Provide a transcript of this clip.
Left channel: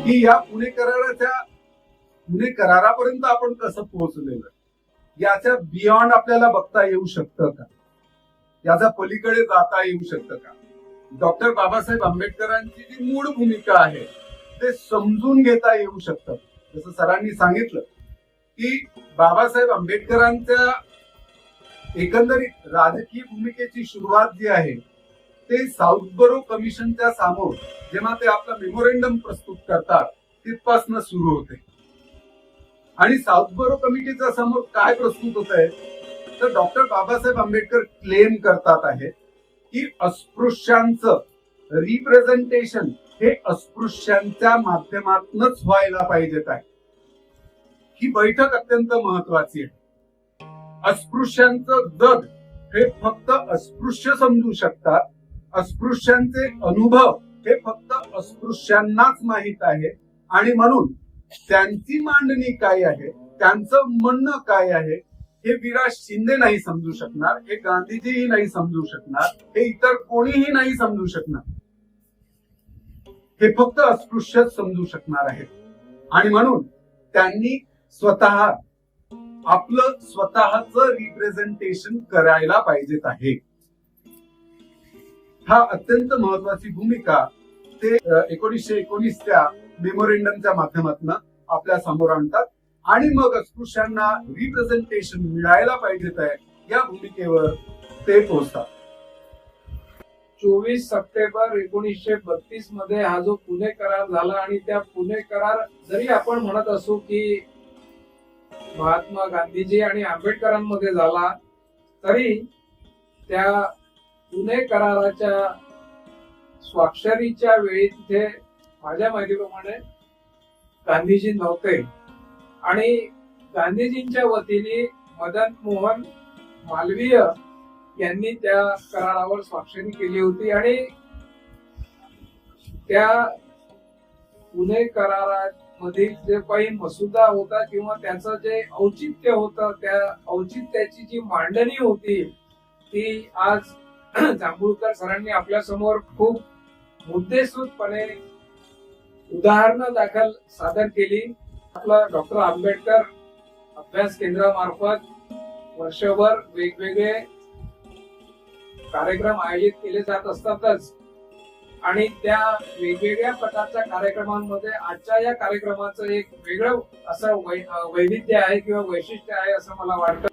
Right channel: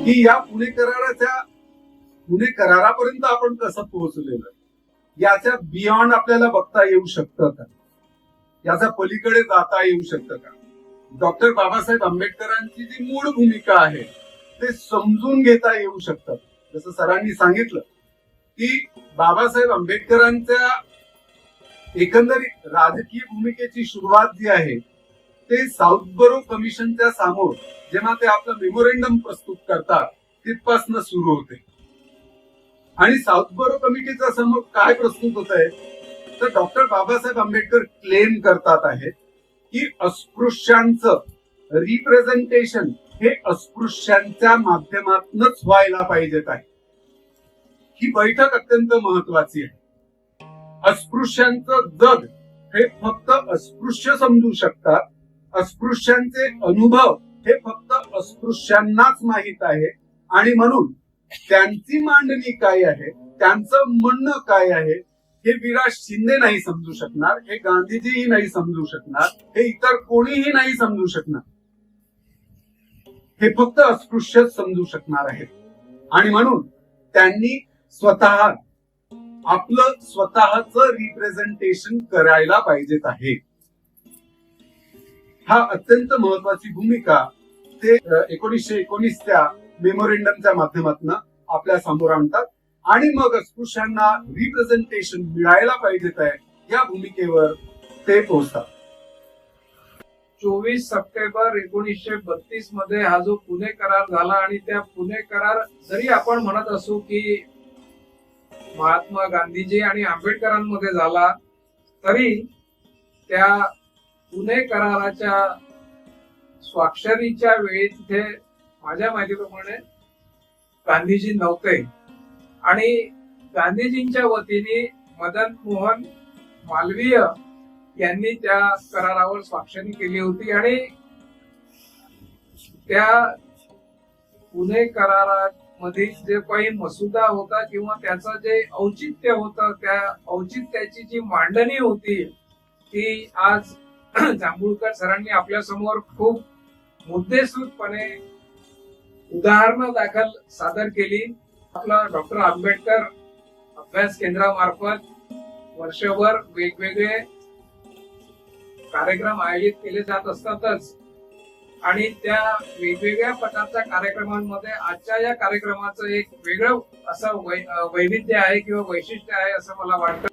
की या पुणे कराराच्या पुणे करारापर्यंत आपण कसं पोहोचलेलं याच्या बियॉन्ड आपल्याला बघता येऊ शकतं का? याचा पलीकडे जाता येऊ शकतं का? डॉक्टर बाबासाहेब आंबेडकरांची जी मूळ भूमिका आहे ते समजून घेता येऊ शकतं. जसं सरांनी सांगितलं की बाबासाहेब आंबेडकरांच्या एकंदरीत राजकीय भूमिकेची सुरुवात जी आहे ते साऊथबरो कमिशनच्या समोर जेव्हा ते आपलं मेमोरेंडम प्रस्तुत करतात तिथपासनं सुरू होते. आणि साऊथबरो कमिटीच्या समोर काय प्रस्तुत होत आहे तर डॉक्टर बाबासाहेब आंबेडकर क्लेम करतात आहेत की अस्पृश्यांचं रिप्रेझेंटेशन हे अस्पृश्यांच्या माध्यमातूनच व्हायला पाहिजेत आहे. ही बैठक अत्यंत महत्वाची आहे. अस्पृश्यांचं जग हे फक्त अस्पृश्य समजू शकतात अस्पृश्यांचे अनुभव हे फक्त अस्पृश्यांनाच माहीत आहे. आणि म्हणून त्यांची मांडणी काय आहे त्यांचं म्हणणं काय आहे हे विराज शिंदे नाही समजू शकणार हे गांधीजीही नाही समजू शकणार हे इतर कोणीही नाही समजू शकणार. हे फक्त अस्पृश्यच समजू शकणार आहेत. आणि म्हणून त्यांनी स्वतः आपलं स्वतःच रिप्रेझेंटेशन करायला पाहिजेत आहे. हा अत्यंत महत्वाची भूमिका ते एकोणीसशे एकोणीसच्या मेमोरेंडमच्या माध्यमातून आपल्यासमोर आणतात. आणि मग अस्पृश्यांना रिप्रेझेंटेशन मिळायला पाहिजेत आहे या भूमिकेवर ते पोहोचतात. चोवीस सप्टेंबर एकोणीसशे बत्तीसमध्ये हा जो पुणे करार झाला आणि त्या पुणे करार जरी आपण म्हणत असू की महात्मा गांधीजी आणि आंबेडकरांमध्ये झाला तरी त्या पुणे कराराच्या स्वाक्षरीच्या वेळी तिथे माझ्या माहितीप्रमाणे गांधीजी नव्हते. आणि गांधीजींच्या वतीने मदन मोहन मालवीय यांनी त्या करारावर स्वाक्षरी केली होती आणि त्या पुणे करारामधील जे काही मसुदा होता किंवा त्याचं जे औचित्य होतं त्या औचित्याची जी मांडणी होती ती आज जांभूळकर सरांनी आपल्यासमोर खूप मुद्देसूदपणे उदाहरणं दाखल सादर केली. आपला डॉक्टर आंबेडकर अभ्यास केंद्रामार्फत वर्षभर वेगवेगळे कार्यक्रम आयोजित केले जात असतातच. आणि त्या वेगवेगळ्या प्रकारच्या कार्यक्रमांमध्ये आजच्या या कार्यक्रमाचं एक वेगळं असं वै- वैविध्य आहे किंवा वैशिष्ट्य आहे असं मला वाटतं.